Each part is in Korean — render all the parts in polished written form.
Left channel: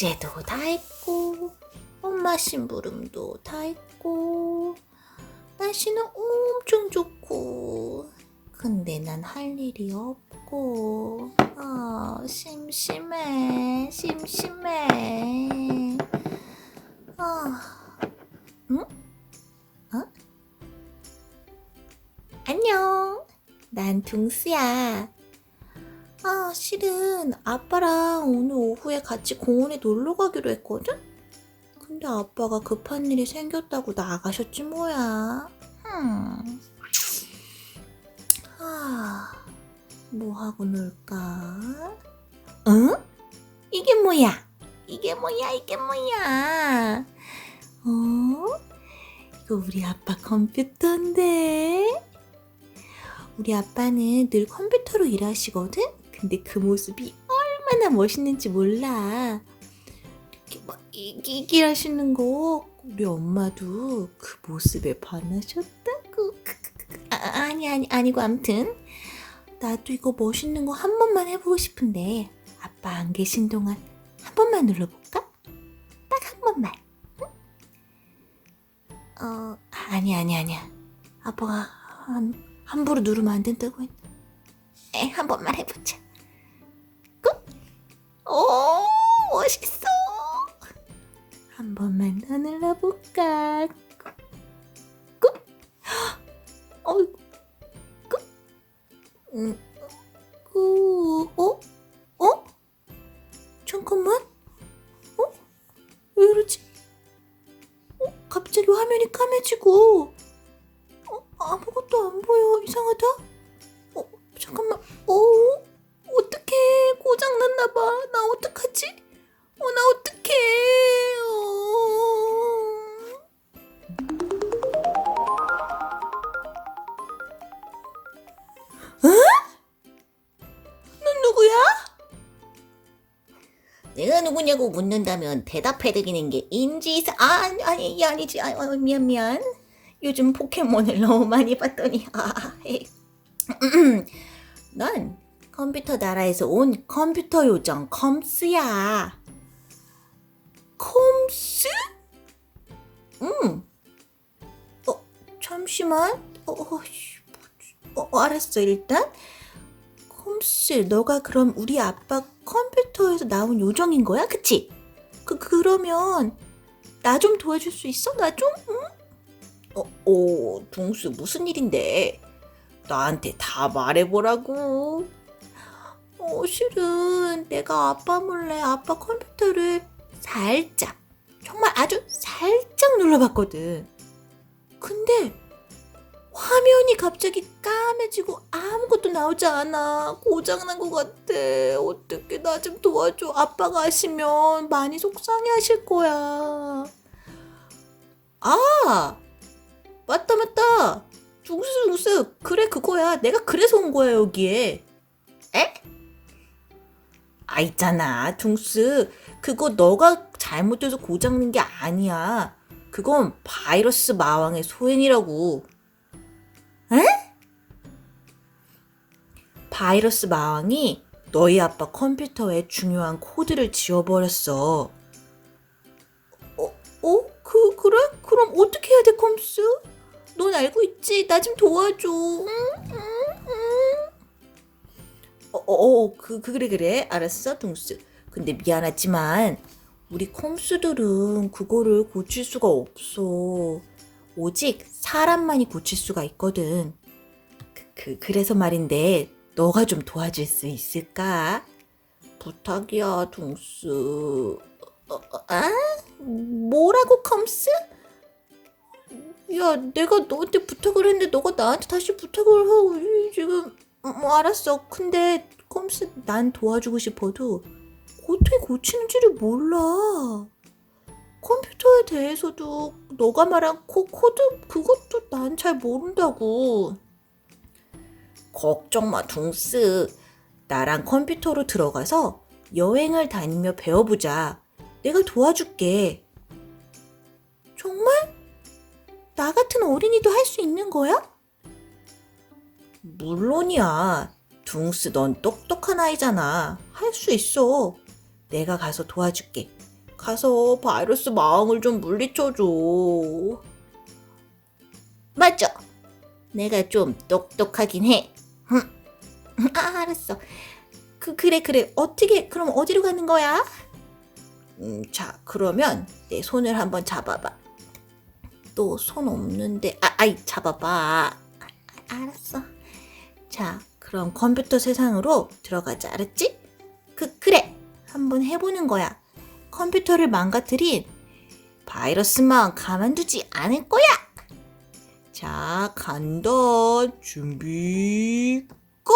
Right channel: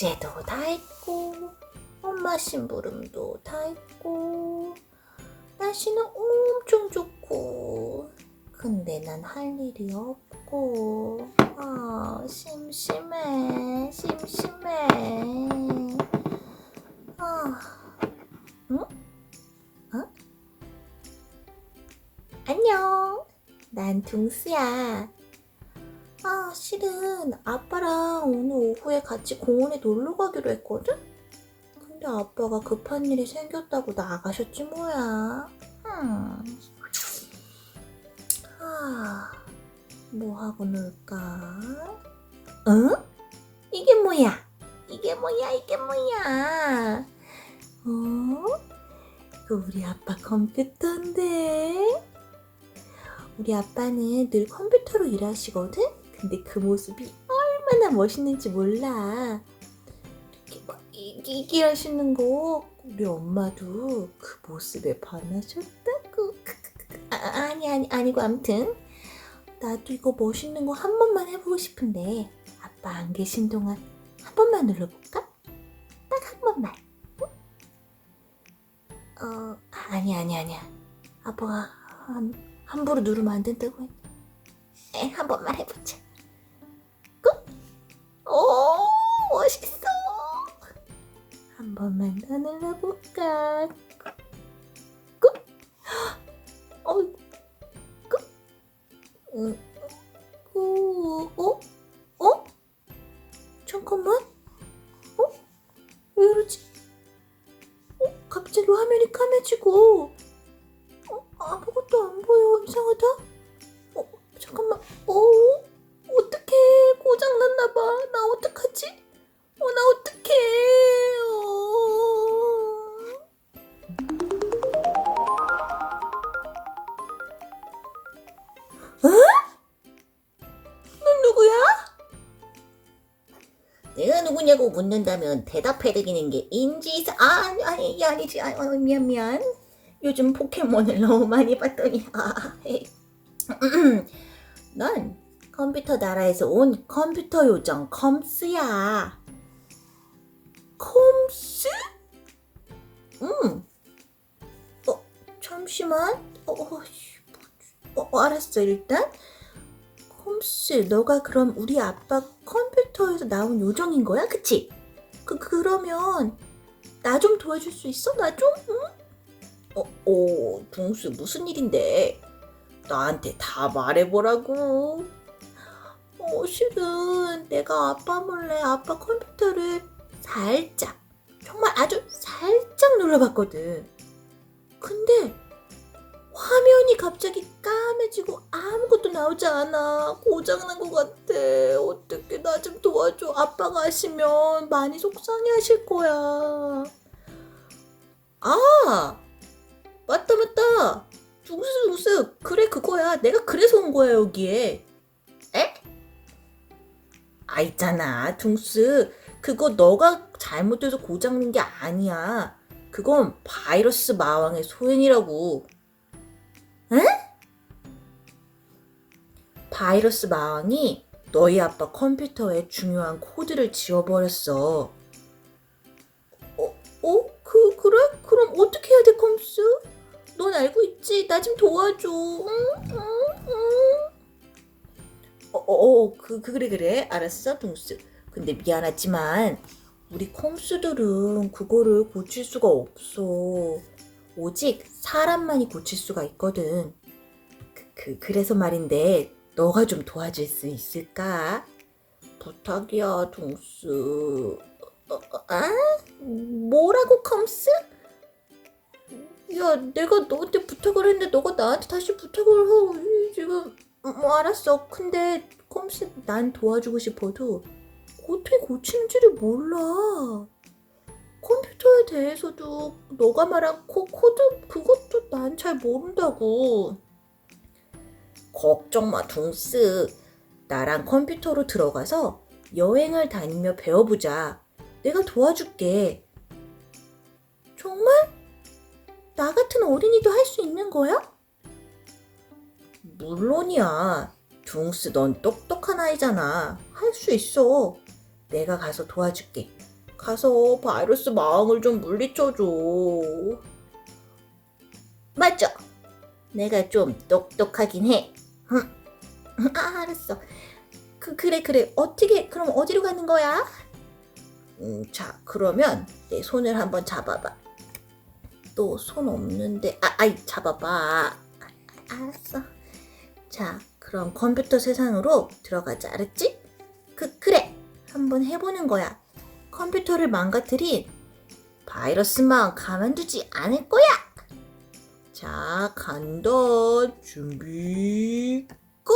숙제도 다 했고 엄마 심부름도 다 했고 날씨는 엄청 좋고 근데 난 할 일이 없고 심심해. 응? 어? 안녕, 난 둥스야. 실은 아빠랑 오늘 오후에 같이 공원에 놀러 가기로 했거든? 근데 아빠가 급한 일이 생겼다고 나가셨지 뭐야. 뭐 하고 놀까? 응? 이게 뭐야? 이게 뭐야? 이거 우리 아빠 컴퓨터인데? 우리 아빠는 늘 컴퓨터로 일하시거든? 근데 그 모습이 얼마나 멋있는지 몰라. 이렇게 막 이기하시는 거 우리 엄마도 그 모습에 반하셨다고. 아니고 아무튼 나도 이거 멋있는 거 한 번만 해보고 싶은데 아빠 안 계신 동안 한 번만 눌러볼까? 딱 한 번만. 응? 아니야. 아빠가 함부로 누르면 안 된다고 했는데 한 번만 해보자. 오, 멋있어. 한 번만 더 눌러볼까? 잠깐만. 왜 이러지? 갑자기 화면이 까매지고 아무것도 안 보여. 이상하다. 잠깐만. 어떡해. 고장났나봐. 나 어떡하지? 나 어떡해. 넌 누구야? 내가 누구냐고 묻는다면 대답해드리는 게 인지상. 아니지. 미안. 요즘 포켓몬을 너무 많이 봤더니. 난 컴퓨터 나라에서 온 컴퓨터 요정 컴스야. 컴스? 잠시만. 알았어. 일단 컴스, 너가 그럼 우리 아빠 컴퓨터에서 나온 요정인 거야? 그치? 그러면 나 좀 도와줄 수 있어? 나 좀? 둥스 무슨 일인데? 나한테 다 말해보라고. 실은 내가 아빠 몰래 아빠 컴퓨터를 살짝, 정말 아주 살짝 눌러봤거든. 근데 화면이 갑자기 까매지고 아무것도 나오지 않아. 고장난 것 같아. 어떡해, 나 좀 도와줘. 아빠가 아시면 많이 속상해 하실 거야. 맞다. 둥스. 그래, 그거야. 내가 그래서 온 거야, 여기에. 에? 있잖아, 둥스. 그거 너가 잘못해서 고장난 게 아니야. 그건 바이러스 마왕의 소행이라고. 에? 바이러스 마왕이 너희 아빠 컴퓨터에 중요한 코드를 지워버렸어. 그래? 그럼 어떻게 해야 돼, 컴스? 넌 알고 있지? 나 좀 도와줘. 그래. 알았어, 둥스. 근데 미안하지만 우리 콩수들은 그거를 고칠 수가 없어. 오직 사람만이 고칠 수가 있거든. 그래서 말인데 너가 좀 도와줄 수 있을까? 부탁이야, 둥스. 뭐라고, 컴스? 야, 내가 너한테 부탁을 했는데 너가 나한테 다시 부탁을 하고 지금. 알았어. 근데 컴스, 난 도와주고 싶어도 어떻게 고치는지를 몰라. 컴퓨터에 대해서도 너가 말한 코드 그것도 난 잘 모른다고. 걱정 마, 둥스. 나랑 컴퓨터로 들어가서 여행을 다니며 배워보자. 내가 도와줄게. 정말? 나 같은 어린이도 할 수 있는 거야? 물론이야. 둥스, 넌 똑똑한 아이잖아. 할 수 있어. 내가 가서 도와줄게. 가서 바이러스 마왕을 좀 물리쳐줘. 맞아. 내가 좀 똑똑하긴 해. 알았어. 그래. 어떻게, 그럼 어디로 가는 거야? 자, 그러면 내 손을 한번 잡아봐. 또 손 없는데, 아이, 잡아봐. 알았어. 자, 그럼 컴퓨터 세상으로 들어가자. 알았지? 그래. 한번 해보는 거야. 컴퓨터를 망가뜨린 바이러스만 가만두지 않을 거야. 자, 간다. 준비, 고!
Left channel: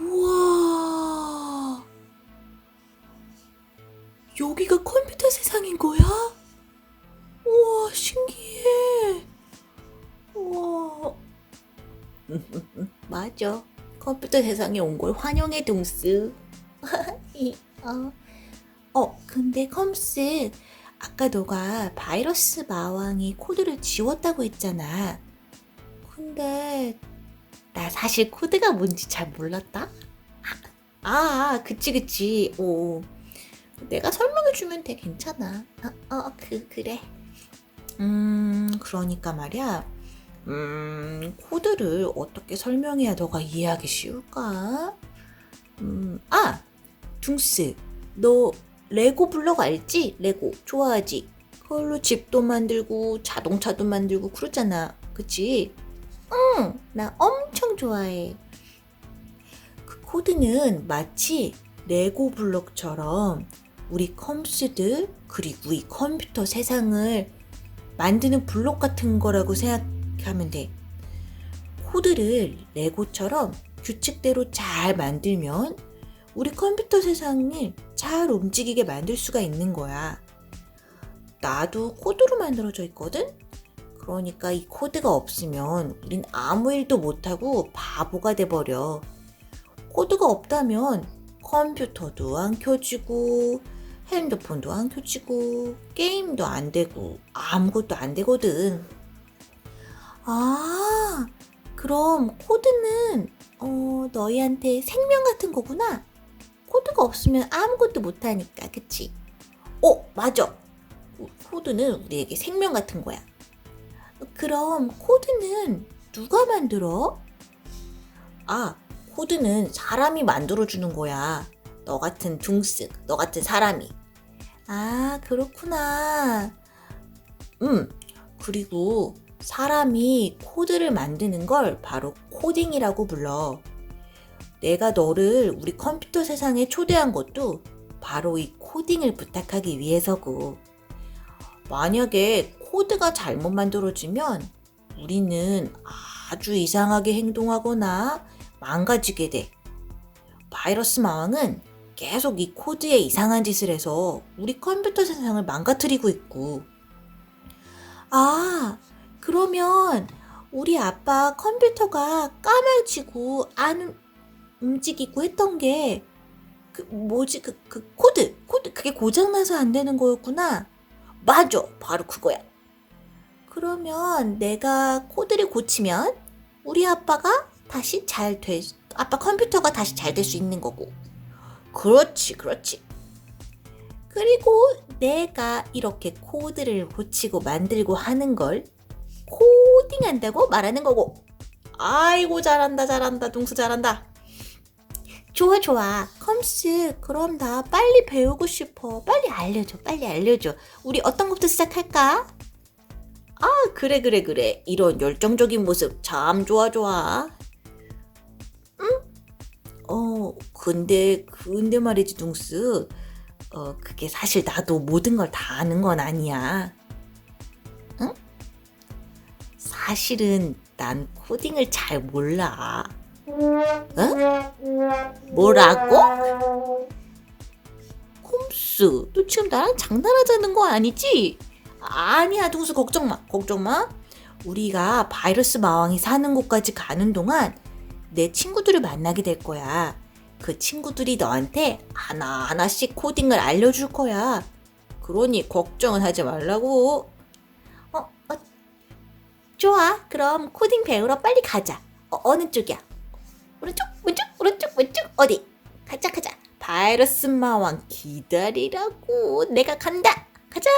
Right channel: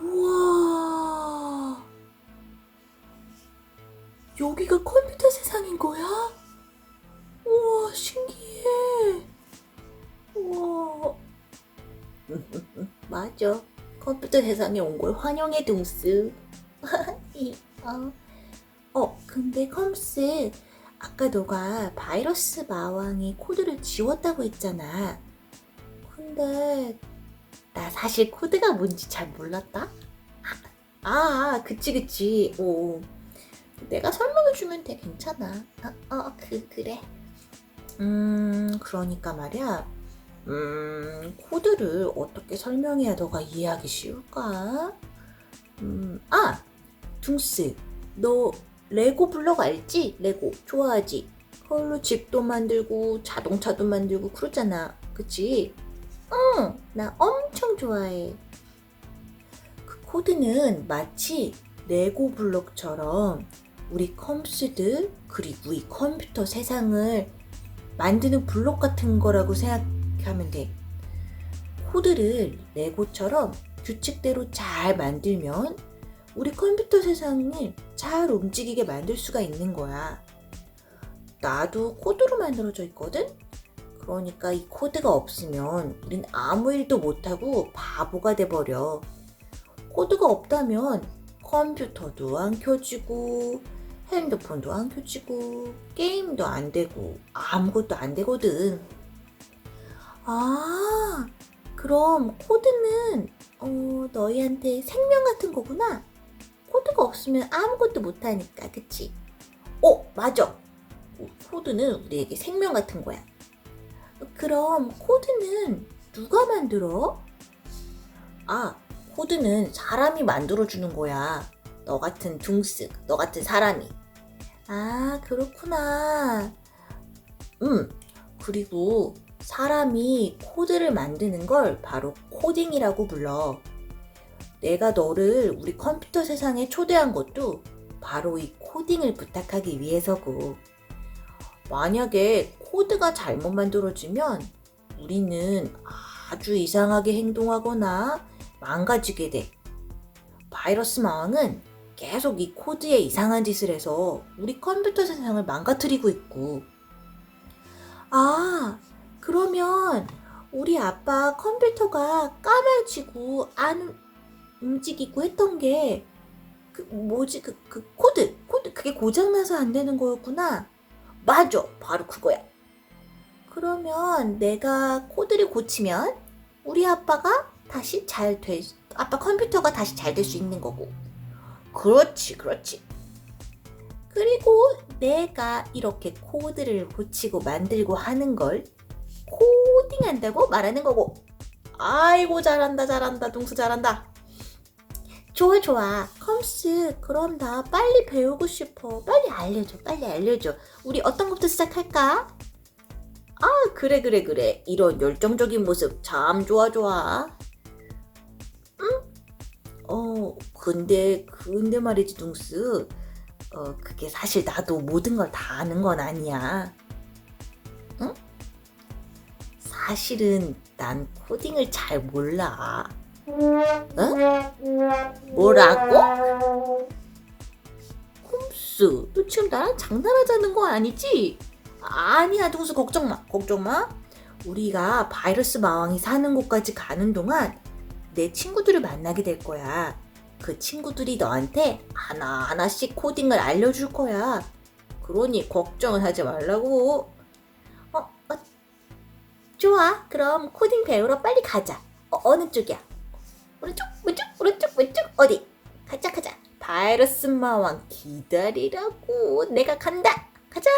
우와, 여기가 컴퓨터 세상인 거야? 우와, 신기해. 우와. 맞아. 컴퓨터 세상에 온 걸 환영해, 둥스. 근데 컴스, 아까 너가 바이러스 마왕이 코드를 지웠다고 했잖아. 근데 나 사실 코드가 뭔지 잘 몰랐다. 그치. 오, 내가 설명해주면 돼. 괜찮아. 그래. 그러니까 말이야. 코드를 어떻게 설명해야 너가 이해하기 쉬울까? 둥스, 너 레고 블록 알지? 레고 좋아하지? 그걸로 집도 만들고 자동차도 만들고 그러잖아. 그치? 응, 나 엄청 좋아해. 그 코드는 마치 레고 블록처럼 우리 컴퓨터들 그리고 이 컴퓨터 세상을 만드는 블록 같은 거라고 생각하면 돼. 코드를 레고처럼 규칙대로 잘 만들면 우리 컴퓨터 세상을 잘 움직이게 만들 수가 있는 거야. 나도 코드로 만들어져 있거든? 그러니까 이 코드가 없으면 우린 아무 일도 못하고 바보가 돼버려. 코드가 없다면 컴퓨터도 안 켜지고 핸드폰도 안 켜지고 게임도 안 되고 아무것도 안 되거든. 그럼 코드는 너희한테 생명 같은 거구나. 코드가 없으면 아무것도 못하니까, 그치? 맞아. 코드는 우리에게 생명 같은 거야. 그럼 코드는 누가 만들어? 코드는 사람이 만들어주는 거야. 너 같은 둥스, 너 같은 사람이. 그렇구나. 그리고 사람이 코드를 만드는 걸 바로 코딩이라고 불러. 내가 너를 우리 컴퓨터 세상에 초대한 것도 바로 이 코딩을 부탁하기 위해서고. 만약에 코드가 잘못 만들어지면 우리는 아주 이상하게 행동하거나 망가지게 돼. 바이러스 마왕은 계속 이 코드에 이상한 짓을 해서 우리 컴퓨터 세상을 망가뜨리고 있고. 그러면 우리 아빠 컴퓨터가 까매지고 안 움직이고 했던 게 코드 그게 고장나서 안 되는 거였구나. 맞아, 바로 그거야. 그러면 내가 코드를 고치면 우리 아빠가 다시 아빠 컴퓨터가 다시 잘 될 수 있는 거고. 그렇지. 그리고 내가 이렇게 코드를 고치고 만들고 하는 걸 코딩한다고 말하는 거고. 아이고, 잘한다. 둥수 잘한다. 좋아. 컴스, 그럼 나 빨리 배우고 싶어. 빨리 알려줘. 우리 어떤 것부터 시작할까? 그래. 이런 열정적인 모습 참 좋아. 응? 근데 말이지, 둥스. 그게 사실 나도 모든 걸 다 아는 건 아니야. 응? 사실은 난 코딩을 잘 몰라. 응? 뭐라고? 꼼수, 너 지금 나랑 장난하자는 거 아니지? 아니야, 동수, 걱정 마. 우리가 바이러스 마왕이 사는 곳까지 가는 동안 내 친구들을 만나게 될 거야. 그 친구들이 너한테 하나하나씩 코딩을 알려줄 거야. 그러니 걱정은 하지 말라고. 좋아. 그럼 코딩 배우러 빨리 가자. 어느 쪽이야? 오른쪽, 왼쪽, 오른쪽, 왼쪽, 어디? 가자, 가자. 바이러스 마왕 기다리라고. 내가 간다. 가자.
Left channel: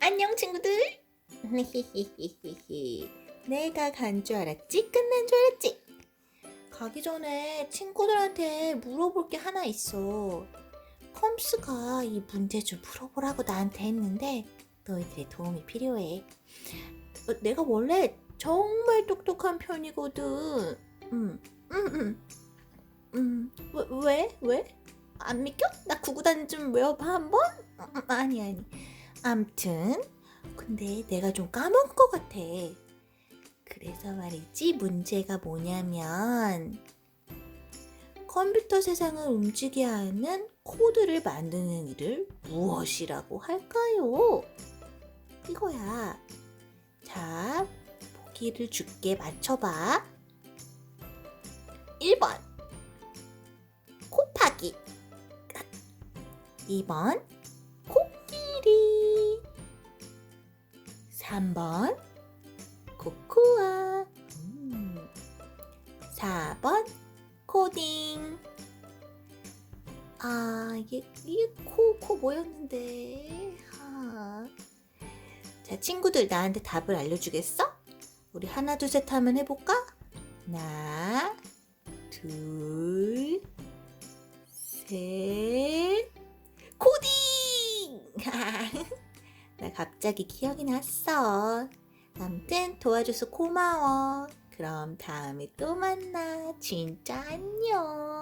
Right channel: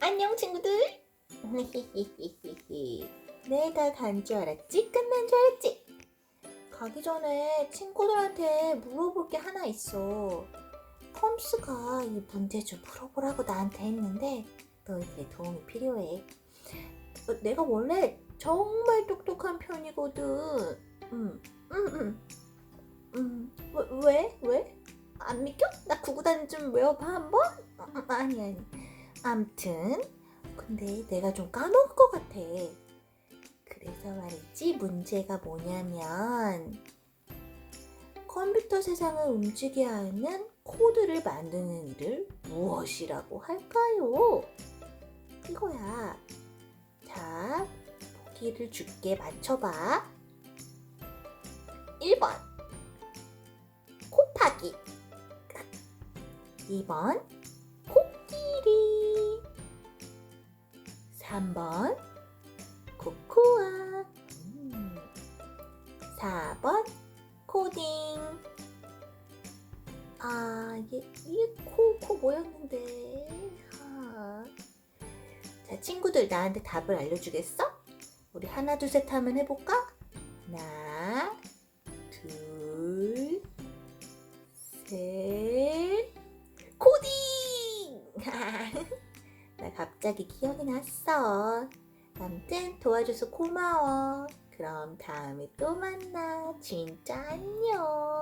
안녕 친구들. 내가 간 줄 알았지? 끝난 줄 알았지? 가기 전에 친구들한테 물어볼 게 하나 있어. 펌스가 이 문제 좀 풀어보라고 나한테 했는데 너희들의 도움이 필요해. 내가 원래 정말 똑똑한 편이거든. 왜? 왜? 안 믿겨? 나 구구단 좀 외워봐 한번? 아니. 암튼 근데 내가 좀 까먹은 것 같아. 그래서 말이지 문제가 뭐냐면 컴퓨터 세상을 움직이게 하는 코드를 만드는 일을 무엇이라고 할까요? 이거야. 자, 보기를 줄게. 맞춰봐. 1번 곱하기, 2번 코끼리, 3번 코코아, 4번 코딩. 이게 코 뭐였는데? 자, 친구들 나한테 답을 알려주겠어? 우리 하나, 둘, 셋 하면 해볼까? 하나, 둘, 셋, 코딩! 나 갑자기 기억이 났어. 아무튼 도와줘서 고마워. 그럼 다음에 또 만나. 진짜 안녕.